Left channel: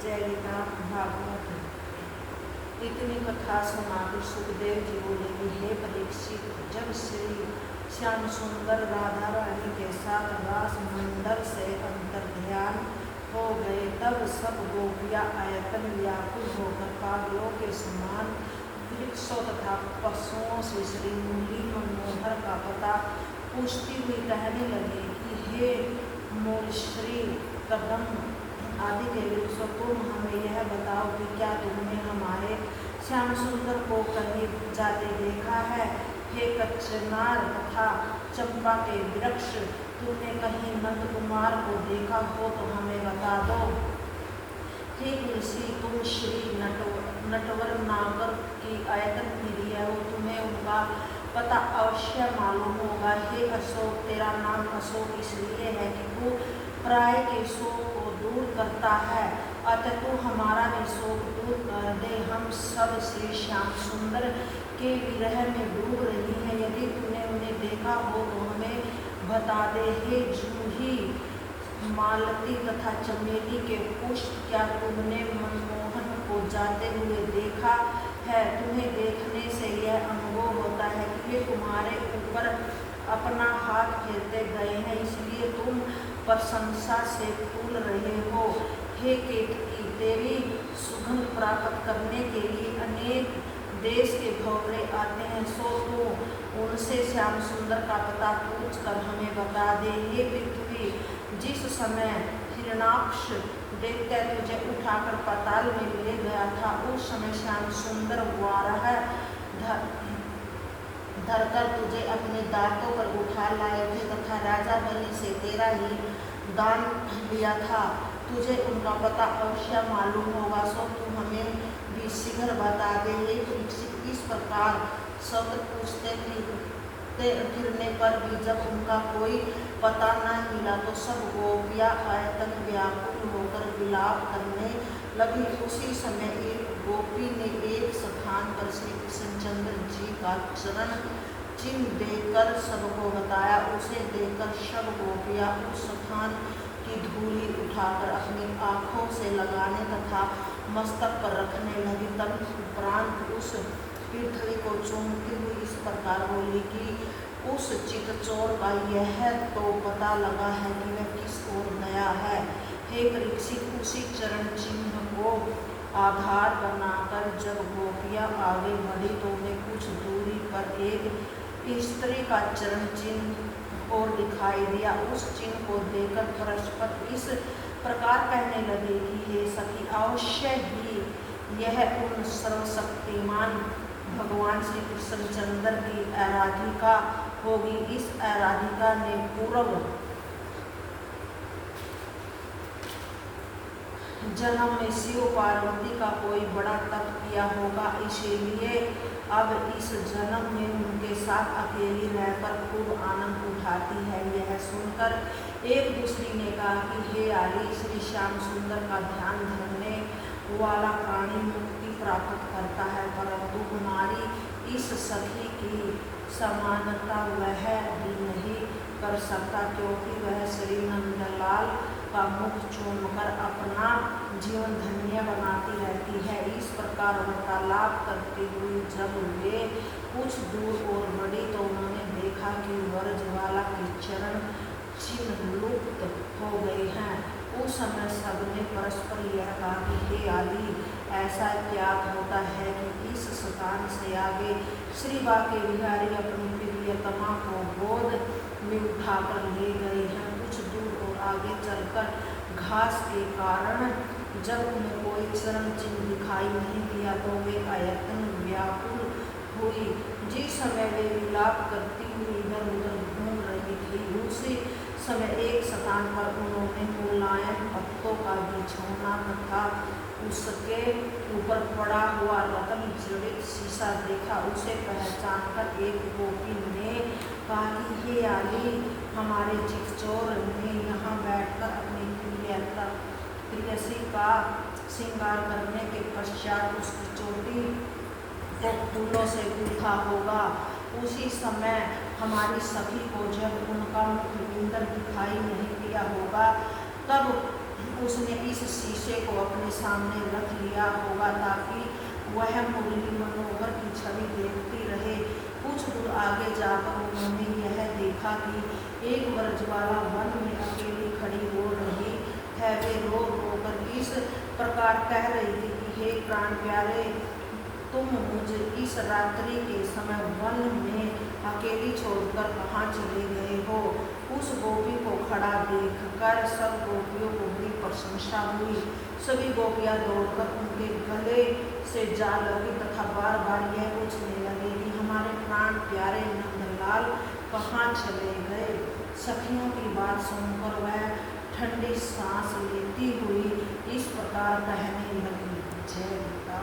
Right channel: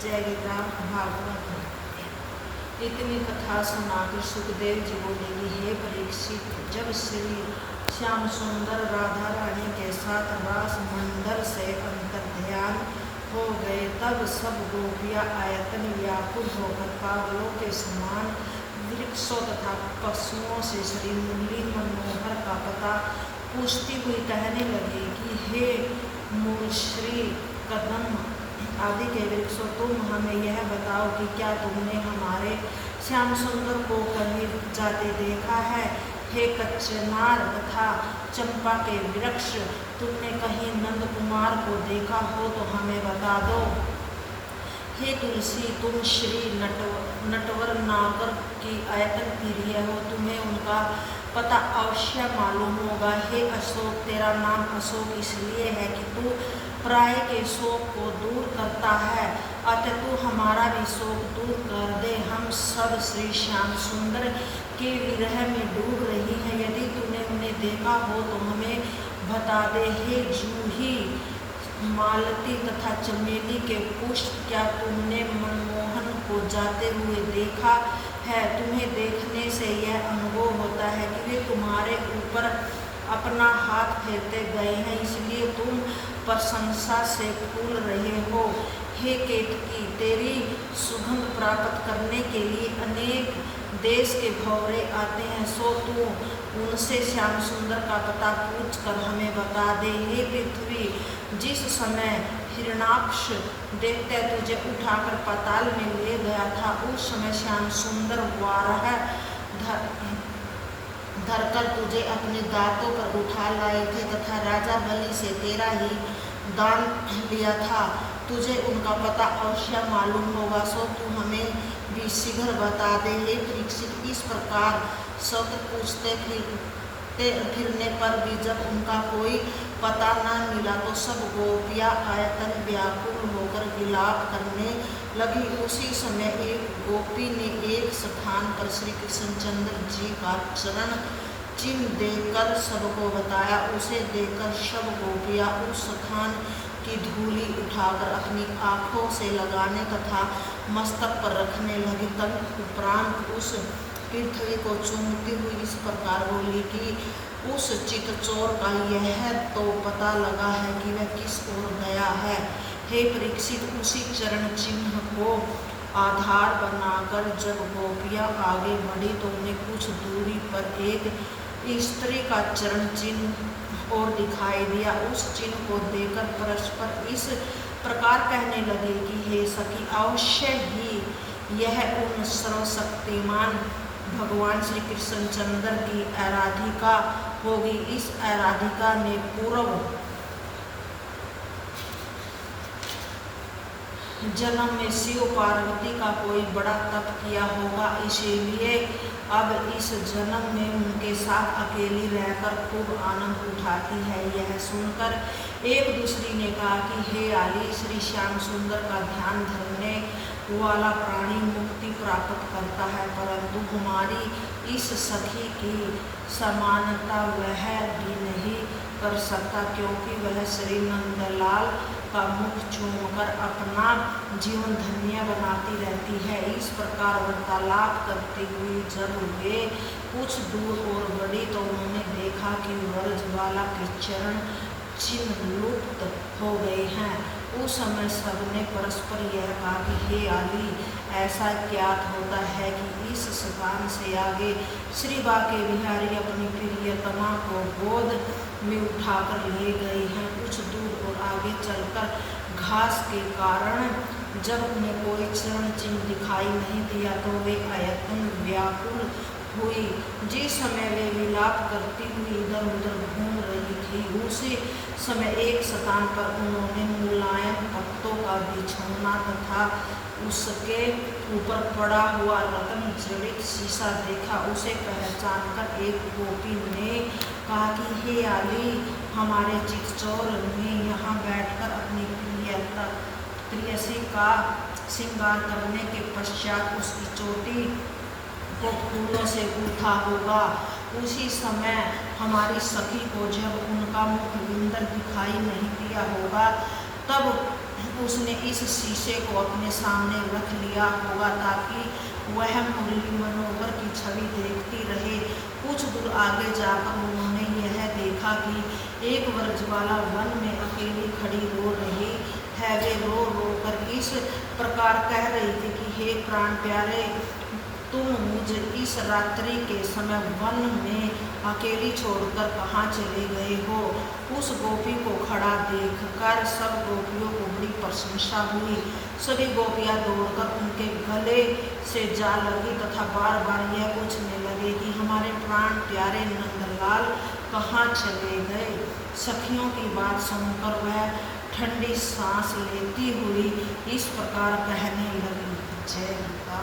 जय गीता भागवत। इतनी कथा सुनाकर सुखदेव जी बोले कि हे परीक्षित, जब श्री श्याम सुंदर राधा रानी के साथ रास मंडल से अंतर्ध्यान हो गए, तब सब गोपियाँ आयतन व्याकुल होकर पागलों के समान वृक्षों तथा पशुओं से श्री मुरली मनोहर का पता पूछती हुई कहने लगी कि हे मूल श्री कदम आदि के वृक्षों, तुम हमें यह बताओ कि क्या तुमने हमारे श्याम सुंदर को कहीं जाते देखा है? हे कच्चनार तथा चंपा के वृक्ष, तुमने कहीं नंद कुमार को देखा हो तो हमें बता दो। हे तुलसी, तुम श्री नटवर नागर की आयतन प्रिय हो, तुम्हें उनका पता अवश्य मालूम होगा। हे अशोक, तेरा नाम अशोक इसलिए है कि तू प्राय के शोक को दूर करता है, अतः तू हमारा भी शोक दूर कर दे। हम सब श्री श्याम सुंदर के विरह में डूब रही हैं, यदि तूने उन्हें देखा हो तो हमें बता दे। हे जूही, मालती तथा चमेली के पुष्प, क्या तुमने मनमोहन को जाते हुए देखा है? तुम्हें देखने से यह अनुभव होता है कि वे तुम्हारे ऊपर अपना हाथ फेरते गए हैं, इसलिए तुम प्रशंसा से फूल रहे हो। हे केतकी, तेरी सुगंध प्राप्त करने के लिए अनेक देश के भौरे आते हैं, सो तू उनसे श्याम सुंदर का पता पूछ कर हमें बता दे। हे पृथ्वी, जिस समय हिरणाक्ष दैत्य तुझे उठाकर पाताल में ले गया था, उस समय श्याम सुंदर वाराह धरकर तुझे अपने दांतों पर उठा लाए थे तथा राजा बलि से तेरा ही दान लिया था। तुझे उनका पता अवश्य मालूम होगा, सो तू हमें भी शीघ्र बता दे। हे परीक्षित, इस प्रकार शब्द पूछते फिरने पर भी जब उनका कोई पता न मिला तो सब गोपियाँ आयतन व्याकुल होकर विलाप करने लगी। उसी समय एक गोपी ने एक स्थान पर श्री कृष्णचंद्र जी का चरण चिन्ह देकर सबको बताया। उसे देखकर सब गोपियाँ उस स्थान की धूली उठाकर अपनी आँखों से लगाने तथा मस्तक पर रखने लगी। तदुपरांत उस पृथ्वी को चूमती हुई इस प्रकार बोली कि उस चितचोर का यह तो पता लगा है कि वह किस ओर गया है। हे परीक्षित, उसी चरण चिन्ह को आधार बनाकर जब गोपियाँ आगे बढ़ी तो उन्हें कुछ दूरी पर एक स्त्री का चरण चिन्ह और दिखाई दिया। उस चिन्ह को देखकर परस्पर इस प्रकार कहने लगे कि हे सखी, अवश्य ही यह उन सर्वशक्तिमान भगवान श्री कृष्णचंद्र की आराधिका होगी। इस आराधिका ने पूर्व जन्म में शिव पार्वती का कोई बड़ा तप किया होगा, इसीलिए अब इस जन्म में उनके साथ अकेली रहकर खूब आनंद उठाती है। यह सुनकर एक दूसरी ने कहा कि हे आली, श्री श्याम सुंदर का ध्यान धरने वाला प्राणी मुक्ति प्राप्त करता है, परंतु हमारी इस सखी की समानता वह भी नहीं कर सकता, क्योंकि वह श्री नंदलाल का मुख चूमकर अपना जीवन धन्य बनाती रहती है। इस प्रकार वार्तालाप करती हुई जब वे कुछ दूर और बढ़ी तो उन्होंने देखा कि व्रजवाला के चरण चिन्ह लुप्त हो गए हैं। उस समय सबने परस्पर यह कहा कि हे आली, ऐसा ज्ञात होता है कि इस स्थान से आगे श्री बाके बिहारी अपनी प्रियतमा को गोद में उठाकर ले गए हैं। कुछ दूर और आगे चलकर घास के कारण जब उन्हें कोई चरण चिन्ह दिखाई नहीं दिया तो वे आयतन व्याकुल हुई। जिस समय वे विलाप करती हुई इधर उधर घूम रही थी, उसी समय एक स्थान पर उन्होंने मुलायम पत्तों का बिछौना तथा उसके ऊपर पड़ा हुआ रत्न जड़ित शीशा देखा। उसे पहचानकर एक गोपी ने कहा कि हे आली, हमारे चितचोर ने यहाँ बैठकर अपनी प्रियसी का श्रृंगार करने के पश्चात उसकी चोटी को फूलों से गूथा होगा। उसी समय हमारी सखी को जब उनका मुख इंद्र दिखाई नहीं दिया होगा, तब उसने इस शीशे को अपने सामने रख लिया होगा ताकि वह मुरली मनोहर की छवि देखती रहे। कुछ दूर आगे जाकर उन्होंने यह देखा कि एक व्रजबाला वन में अकेली खड़ी रो रही है। वे रो रो कर इस प्रकार कह रही थी कि हे प्राण प्यारे, तुम मुझे इस रात्रि के समय वन में अकेली छोड़कर कहाँ चले गए हो। उस गोपी को खड़ा देखकर सब गोपियों को बड़ी प्रशंसा हुई। सभी गोपियाँ दौड़कर उनके गले से जा लगी तथा बार बार यह पूछने लगे कि हमारे प्राण प्यारे नंदलाल कहाँ चले गए। सखियों की बात सुनकर वह ठंडी सांस लेती हुई इस प्रकार कहने लगी। जय गीता।